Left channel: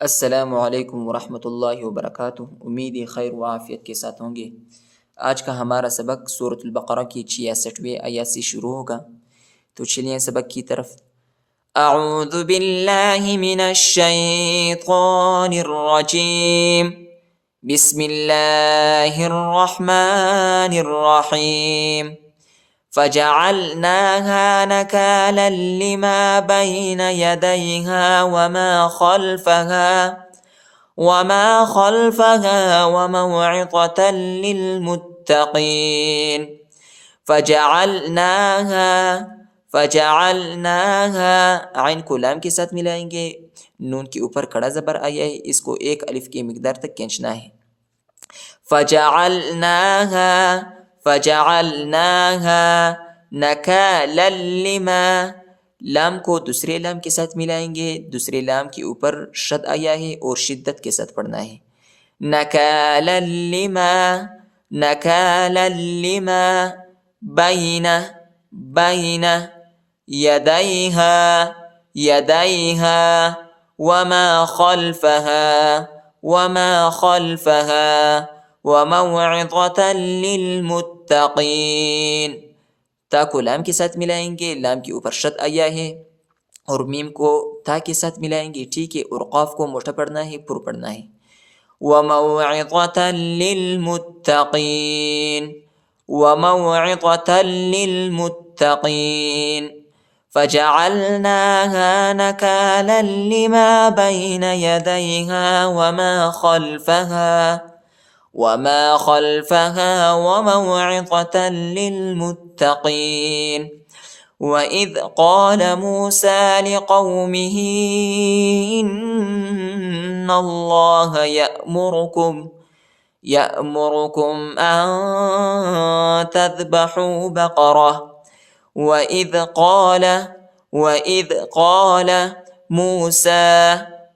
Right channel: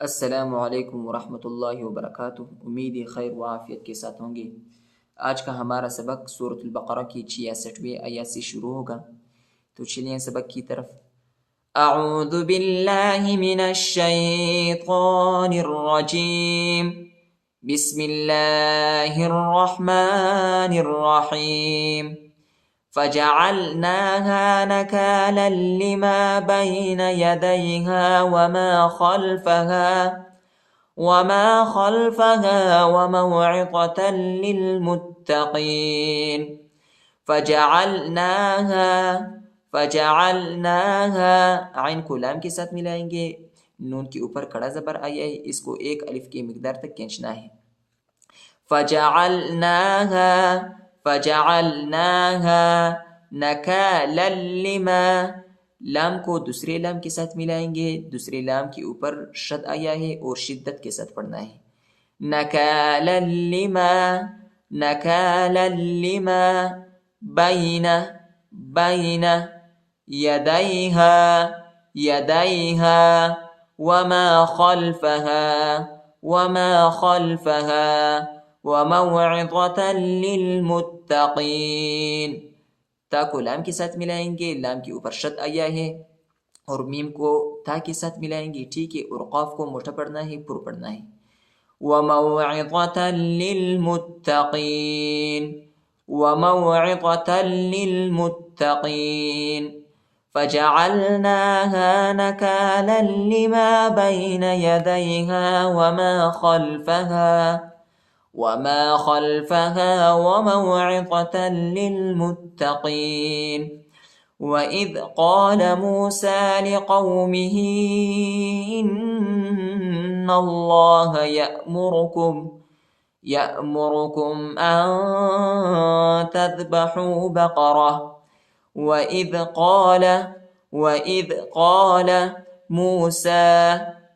السلام علیکم ورحمۃ اللہ وبرکاتہ۔ امید ہے خیر و عافیت کے ساتھ ہوں گے۔ آج کا ہمارا سبق سورۃ البقرہ کی 66ویں آیت سے شروع ہوگا، تو چلیے سبق کی طرف۔ اعوذ باللہ من الشیطان الرجیم، بسم اللہ الرحمن الرحیم، فجعلناها نكالا لما بين يديها وما خلفها وموعظة للمتقين۔ فجعلناها عین کو لام کے ساتھ ملائیں گے، نون کے اوپر کڑا زبر آیا ہے، اس کو ایک الف کی مقدار تک کھینچنا ہے۔ فجعلناها نکالا لما، لام کو دوسرے لام کے ساتھ ملائیں گے، دوسرے لام کے اوپر شد آیا ہے اور شدت کے ساتھ پڑھنا ہے۔ نکالا لما بین یدیہا وما خلفها وموعظة للمتقین۔ تا کو لام کے ساتھ ملائیں گے، لام کے اوپر شد آیا ہے، اور میم کو تا کے ساتھ ملائیں گے، ٹھیک ہے، اور قاف کو موٹا پڑھنا ہے، پر پڑھنا ہے۔ وموعظة للمتقین فجعلناها نكالا لما بين يديها وما خلفها وموعظة للمتقين۔ وَإِذْ قَالَ مُوسَى لِقَوْمِهِ إِنَّ اللَّهَ يَأْمُرُكُمْ أَن تَذْبَحُوا بَقَرَةً وَإِذْ قَالَ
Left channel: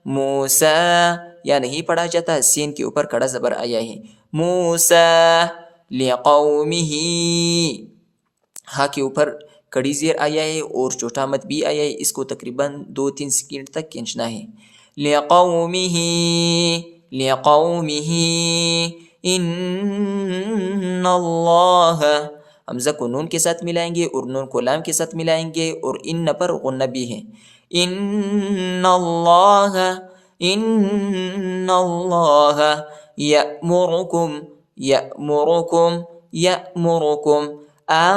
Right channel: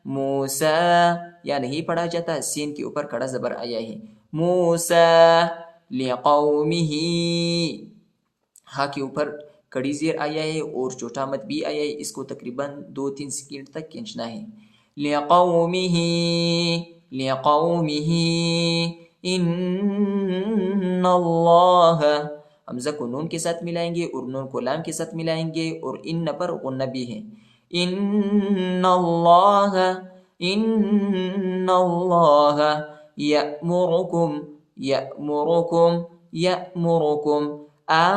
موسیٰ یا نہیں پڑھا جاتا، سین کے اوپر کڑا زبر آیا ہے، موسیٰ لقومہ، ہاں کے اوپر کڑی زیر آیا ہے اور چھوٹا مد بھی آیا ہے، اس کو تقریباً 2-3 سیکنڈ تک کھینچنا ہے۔ لقومہ ان اللہ، حمزہ کو نون کے ساتھ ملائیں گے اور نون کو لام کے ساتھ ملائیں گے، اور ان پر غنہ بھی ہے۔ ان اللہ یأمرکم ان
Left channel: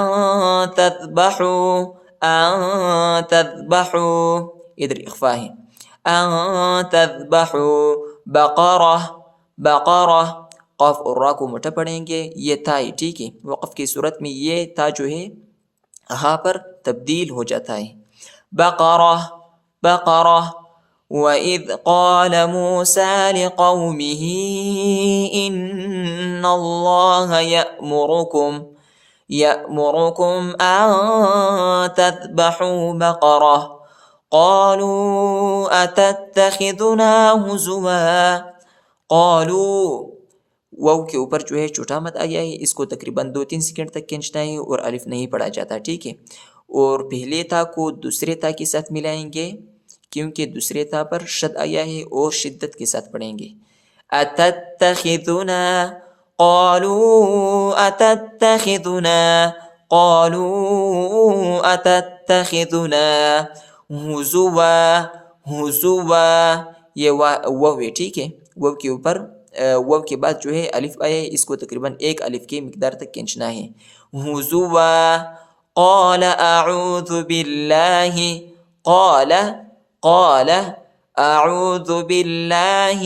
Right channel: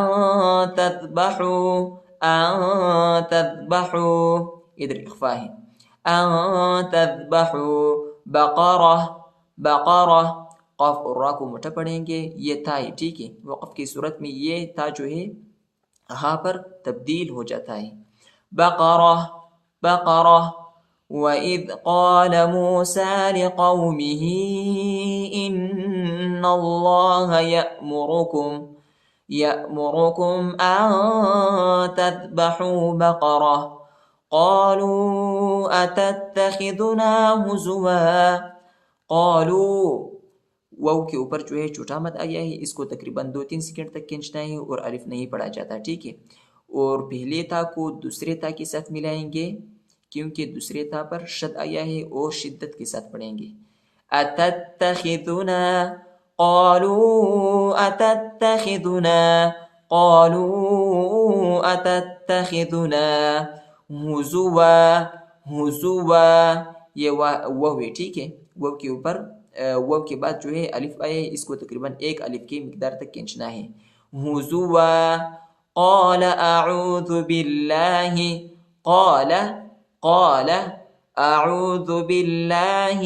تذبحوا، ادھر اخفا ہے، ان تذبحوا بقرہ، قاف اور را کو موٹا پڑھیں گے، یہ تا ہے، ٹھیک ہے، وقف کی صورت میں یہ تا جو ہے ہا پر تبدیل ہو جاتا ہے۔ بقرہ وَإِذْ قَالَ مُوسَى لِقَوْمِهِ إِنَّ اللَّهَ يَأْمُرُكُمْ أَن تَذْبَحُوا بَقَرَةً قَالُوا أَتَتَّخِذُنَا هُزُوًا، قالوا واو کے اوپر جو ہے چھوٹا مد آیا ہے، اس کو تقریباً 2-3 سیکنڈ تک کھینچنا ہے اور الف نہیں پڑھا جاتا، ٹھیک ہے، اور پہلے تا کو دوسرے تا کے ساتھ ملائیں گے کیونکہ دوسرے تا پر شد آیا ہے اور شدت کے ساتھ پڑھیں گے۔ اتتخذنا، قالوا اتتخذنا ہزوا، یہ واو ہے، ٹھیک ہے، واو کے اوپر واو کے بعد جو ہے الف آیا ہے، اس کو تقریباً ایک الف کی مقدار تک کھینچنا ہے۔ ہزوا قال اعوذ باللہ، قال اعوذ باللہ،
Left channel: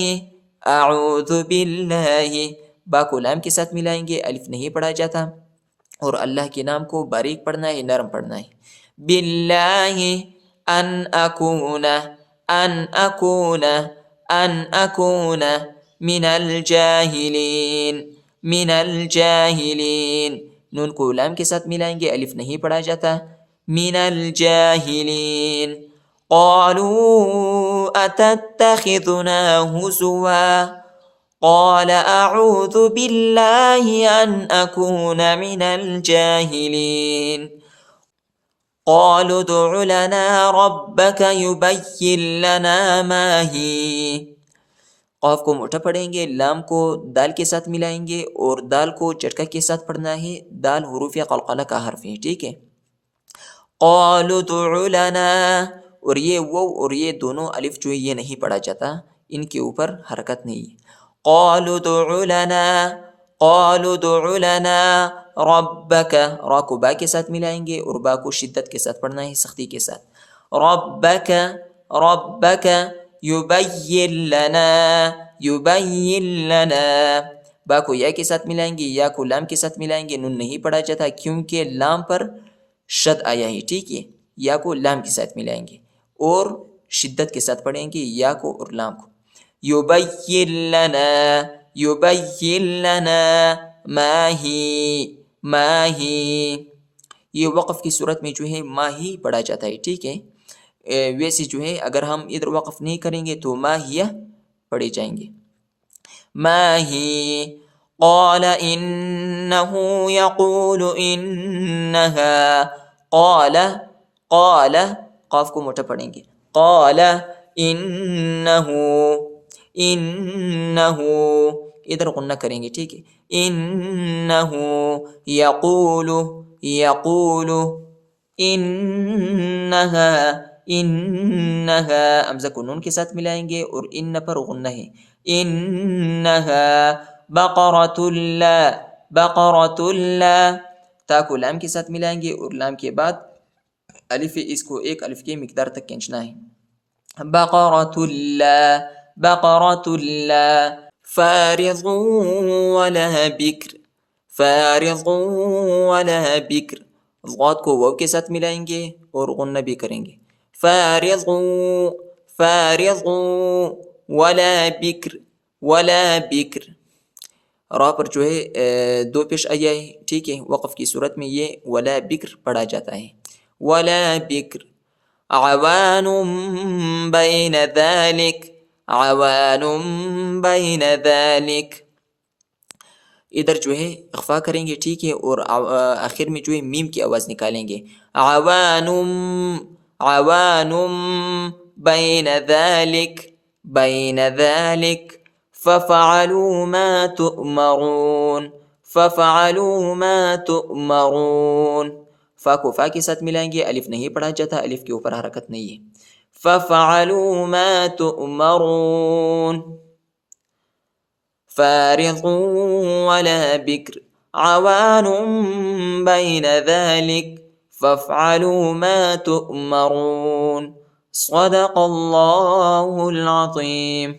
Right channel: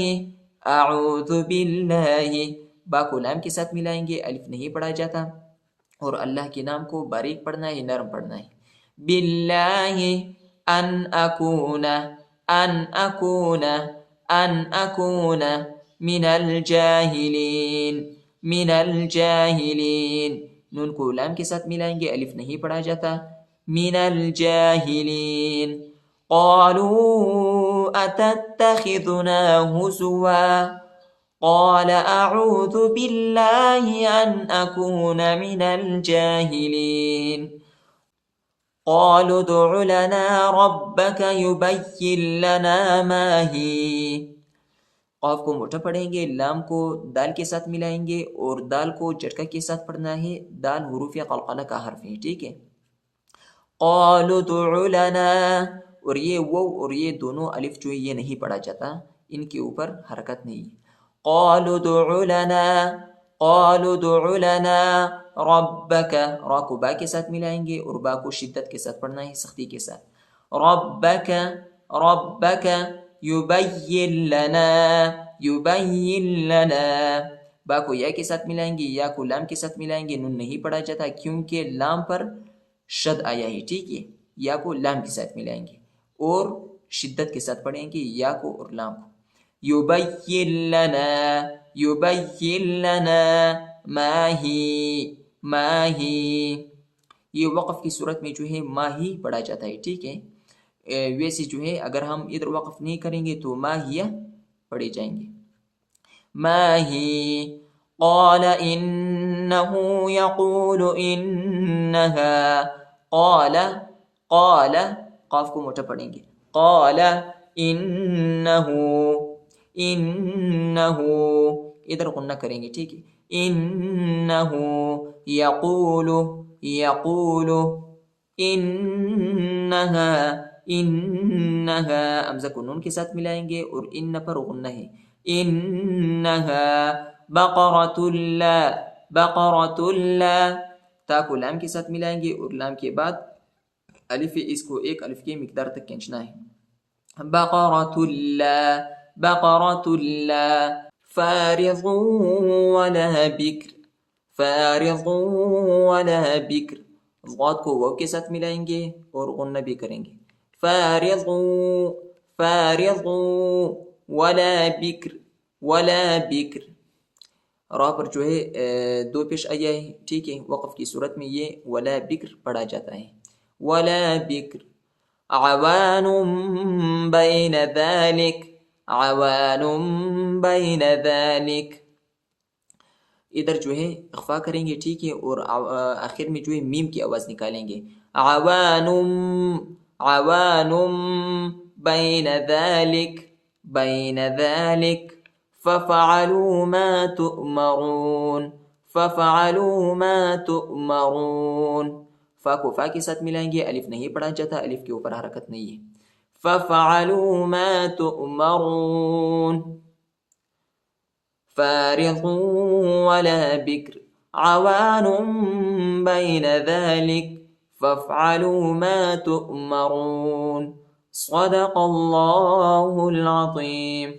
با کو لام کے ساتھ ملائیں گے، الف نہیں پڑھا جاتا، اور اللہ کے نام کو باریک پڑھنا ہے، نرم پڑھنا ہے۔ باللہ ان اکون من الجاہلین، نون کو لام کے ساتھ ملائیں گے، الف نہیں پڑھا جاتا، من الجاہلین۔ قالوا اتتخذنا هزوا قال اعوذ باللہ ان اکون من الجاہلین۔ قالوا ادع لنا ربك يبين لنا ما هي قاف کو موٹا پڑھیں گے، لام کو دال کے ساتھ ملائیں گے اور دال کو جٹکا کے ساتھ پڑھنا ہے۔ دال حروف قلقلہ کا حرف ہے، ٹھیک ہے۔ قالوا ادع لنا، اور یہ وہ اور یہ دونوں الف جو ہے یہ نہیں پڑھا جاتا، ان کے اوپر حرکت نہیں ہے۔ قالوا ادع لنا، قالوا ادع لنا ربک، را کو با کے ساتھ ملائیں گے اور با کو شدت کے ساتھ پڑھنا ہے، سختی کے ساتھ۔ ربک، ربک یبین لنا، یبین لنا، با کو یا کے ساتھ ملائیں گے، یا کو لام کے ساتھ ملائیں گے، نون نہیں پڑھا جاتا کیونکہ لام پر شد آیا ہے، ٹھیک ہے۔ یا کو لام کے ساتھ ملائیں گے اور شدت کے ساتھ پڑھیں گے یا کو اور لام کو۔ یبین لنا، یبین لنا ما ہی، ما ہی، یہ وقف کی صورت میں جو ہے ما ہی پڑھا جاتا ہے، ٹھیک ہے۔ ویسے جو ہے اگر ہم ادھر وقف نہیں کریں گے تو ما ہی پڑھے جائیں گے۔ ما ہی، قال انه يقول انها، قال، قال، قاف کو موٹا پڑھیں گے، قال انه، انه، ادھر غنہ کریں گے، ٹھیک ہے۔ انه یقول، یقول، انها، انها، حمزہ کو نون کے ساتھ ملائیں گے اور ان پر غنہ ہے۔ انها بقرۃ لا، بقرۃ لا، تا کو لام کے ساتھ ملائیں گے اور لام کے بعد الف ہے، اس کو ایک الف کی مقدار تک کھینچنا ہے۔ بقرۃ لا، بقرۃ لا فارض ولا بکر، فارض ولا بکر، غاد کو واو کے ساتھ ملائیں گے اور غنہ بھی کریں گے۔ فارض، فارض ولا بکر، ولا بکر، را پر جو ہے دو پیش آیا ہے، ٹھیک ہے۔ وقف کی صورت میں یہ ولا بکر پڑھا جاتا ہے، ولا بکر۔ عوان بین ذلک، عوان بین ذلک، ادھر جو ہے اخفا کریں گے، ٹھیک ہے، اور آخر میں جو ہے میم کی آواز نکالیں گے۔ عوان، عوان بین ذلک، بین ذلک ففعلوا ما تؤمرون، ففعلوا ما تؤمرون، فا کو فا کے ساتھ ملائیں گے، الف نہیں پڑھا جاتا، الف کے اوپر حرکت نہیں ہے۔ ففعلوا ما تؤمرون، فارض ولا بکر، عوان بین ذلک فافعلوا ما تؤمرون، صدق اللہ العظیم۔